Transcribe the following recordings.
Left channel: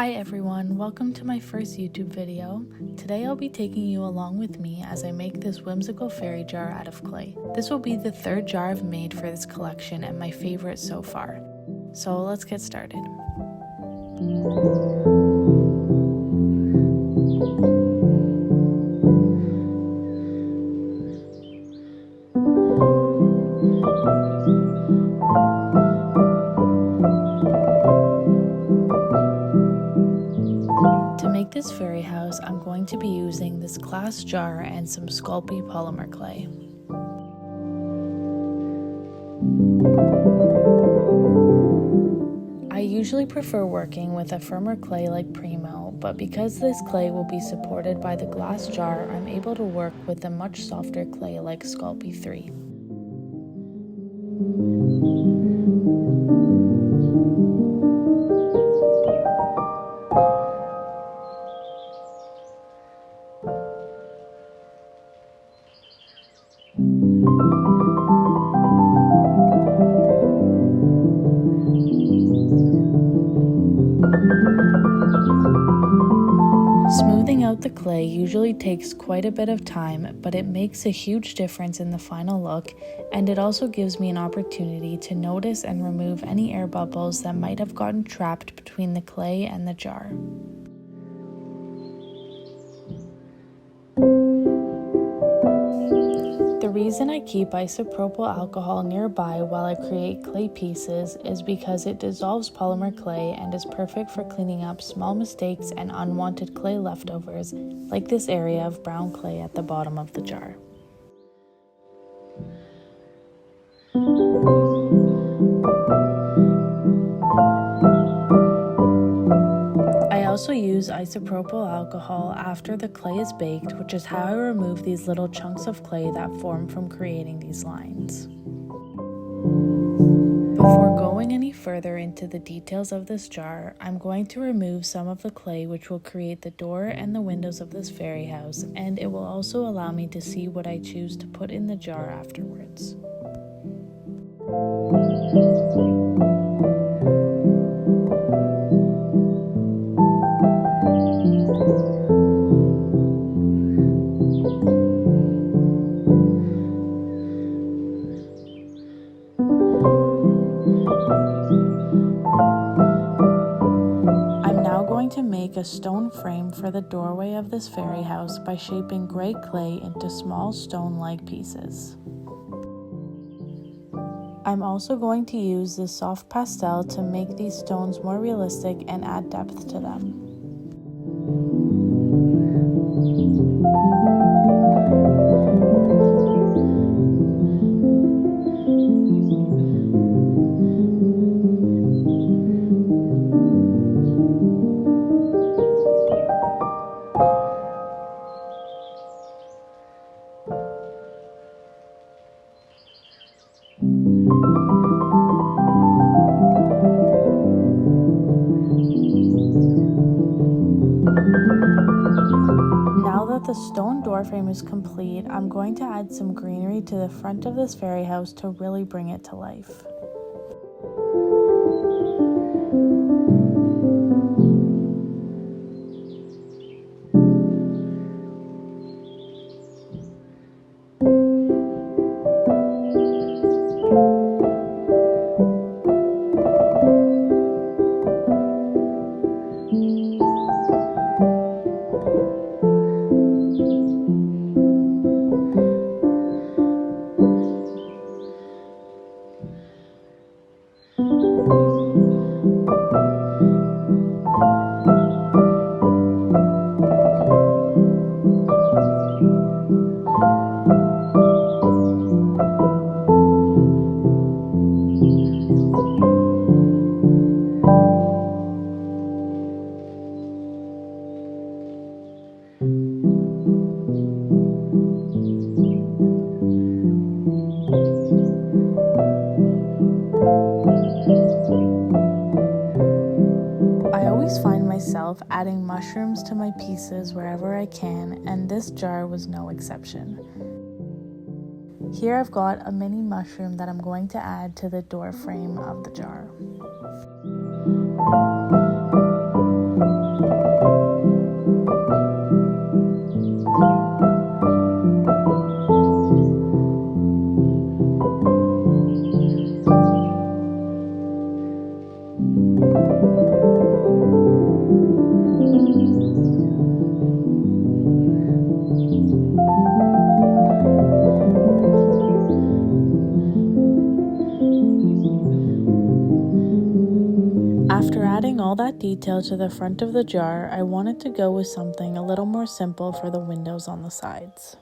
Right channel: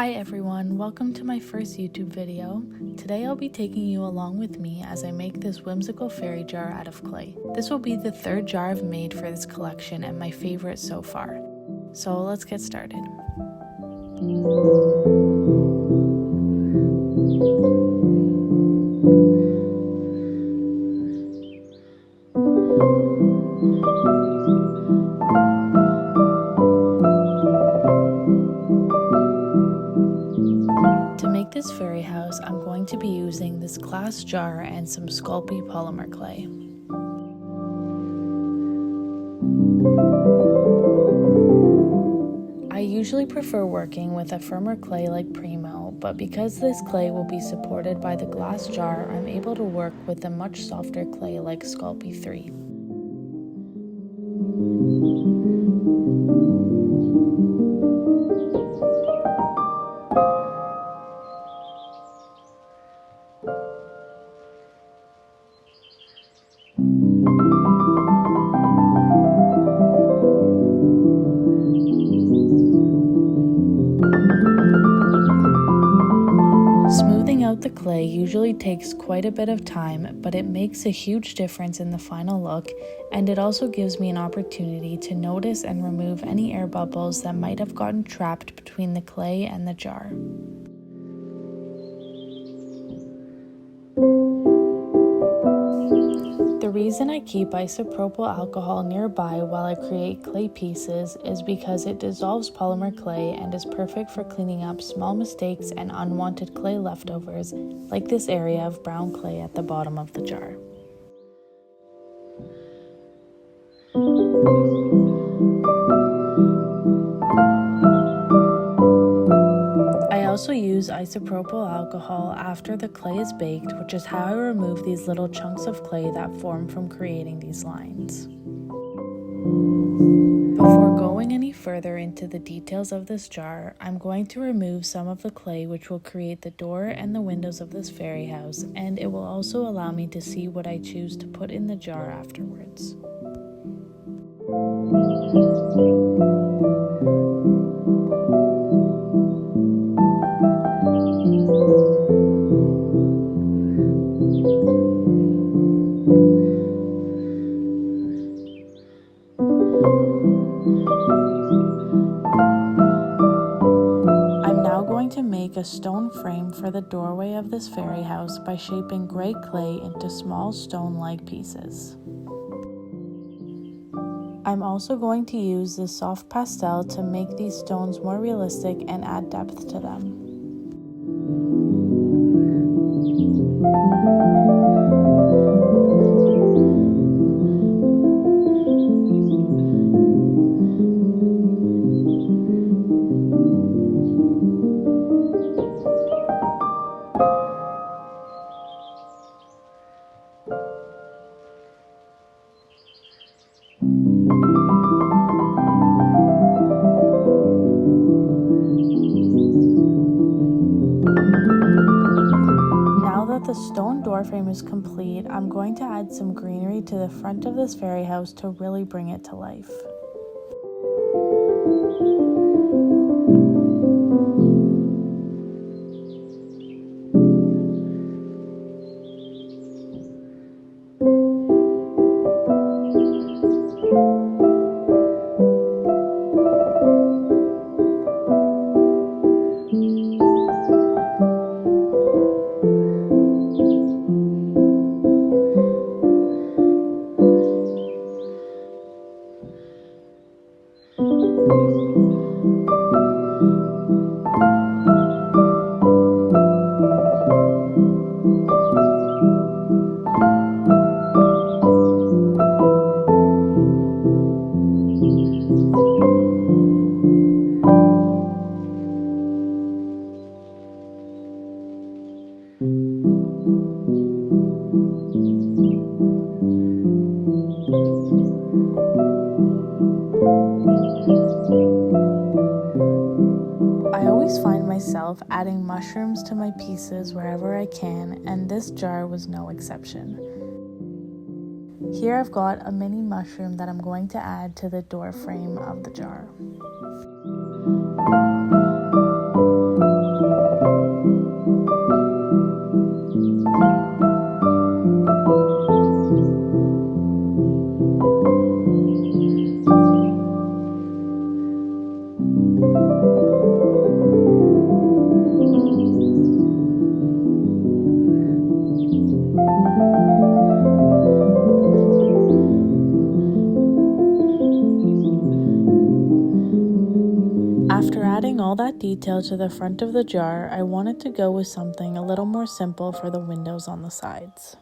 Hi everyone, welcome to my first YouTube video. Today I'll be taking you along with me as I make this whimsical fairy jar out of clay. This will be the third jar I've made for this collection and my favorite so far. So let's get started. To make this fairy house, I'm going to be using this glass jar and some Sculpey polymer clay. I usually prefer working with a firmer clay like Primo, but because this clay will be supported by the glass jar, I'm able to work with a much softer clay like Sculpey 3. Smoothing out the clay usually takes quite a bit of time, but it makes a huge difference in the final look, and it also gives me an opportunity to notice and remove any air bubbles that might have gotten trapped between the clay and the jar. The reason I keep isopropyl alcohol nearby while I create clay pieces is because it dissolves polymer clay and is perfect for cleaning up small mistakes and unwanted clay leftovers, like this area of brown clay at the bottom of the jar. I also use isopropyl alcohol after the clay is baked, which is how I remove these little chunks of clay that form from creating these lines. Before going any further into the details of this jar, I'm going to remove some of the clay which will create the door and the windows of this fairy house, and it will also allow me to see what I choose to put in the jar afterwards. To make a stone frame for the doorway of this fairy house by shaping gray clay into small stone-like pieces. I'm also going to use this soft pastel to make these stones more realistic and add depth to them. Now that the stone door frame is complete, I'm going to add some greenery to the front of this fairy house to really bring it to life. I always find myself adding mushrooms to my pieces wherever I can, and this jar was no exception. Here I've got a mini mushroom that I'm going to add to the door frame of the jar. all that detail to the front of the jar, I wanted to go with something a little more simple for the windows on the sides.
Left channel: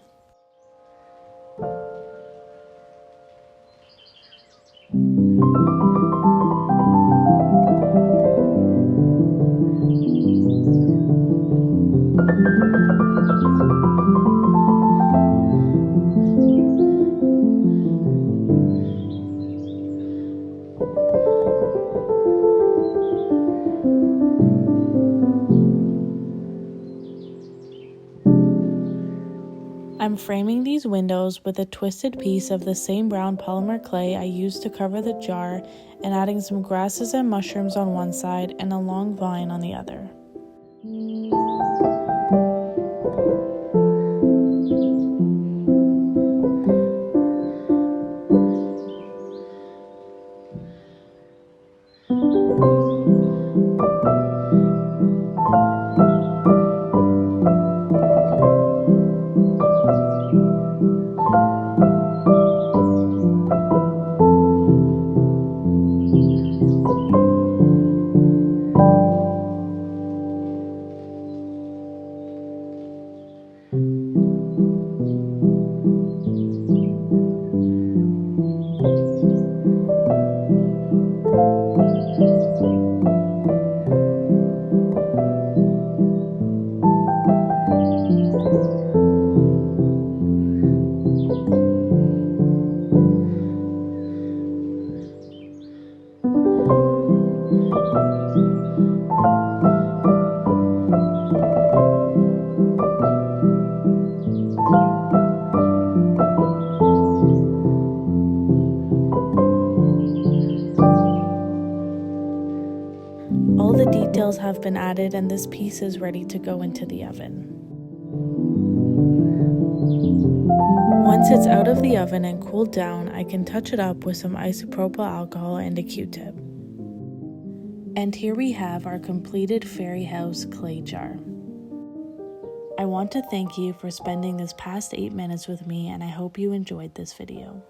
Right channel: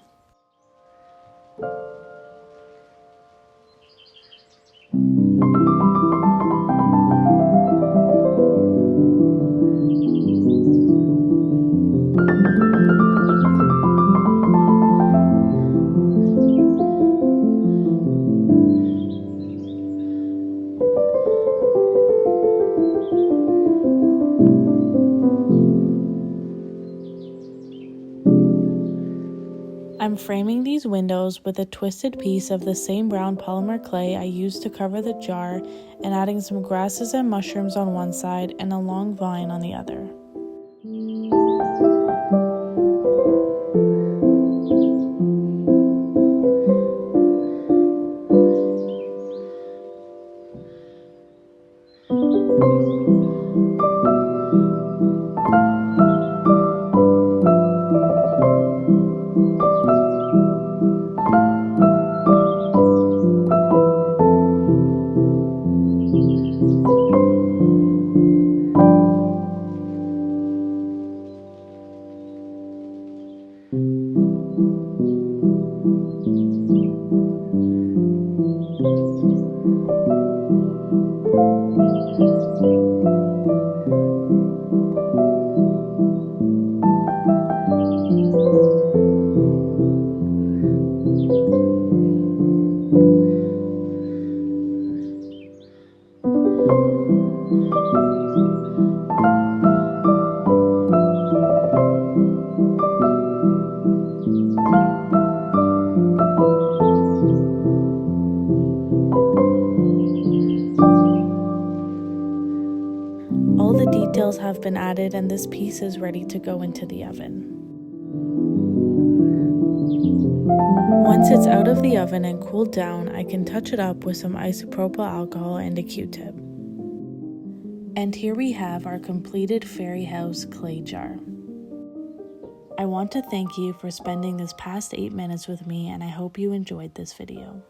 I'm framing these windows with a twisted piece of the same brown polymer clay I used to cover the jar and adding some grasses and mushrooms on one side and a long vine on the other. All the details have been added and this piece is ready to go into the oven. Once it's out of the oven and cooled down, I can touch it up with some isopropyl alcohol and a Q-tip. And here we have our completed fairy house clay jar. I want to thank you for spending this past 8 minutes with me, and I hope you enjoyed this video.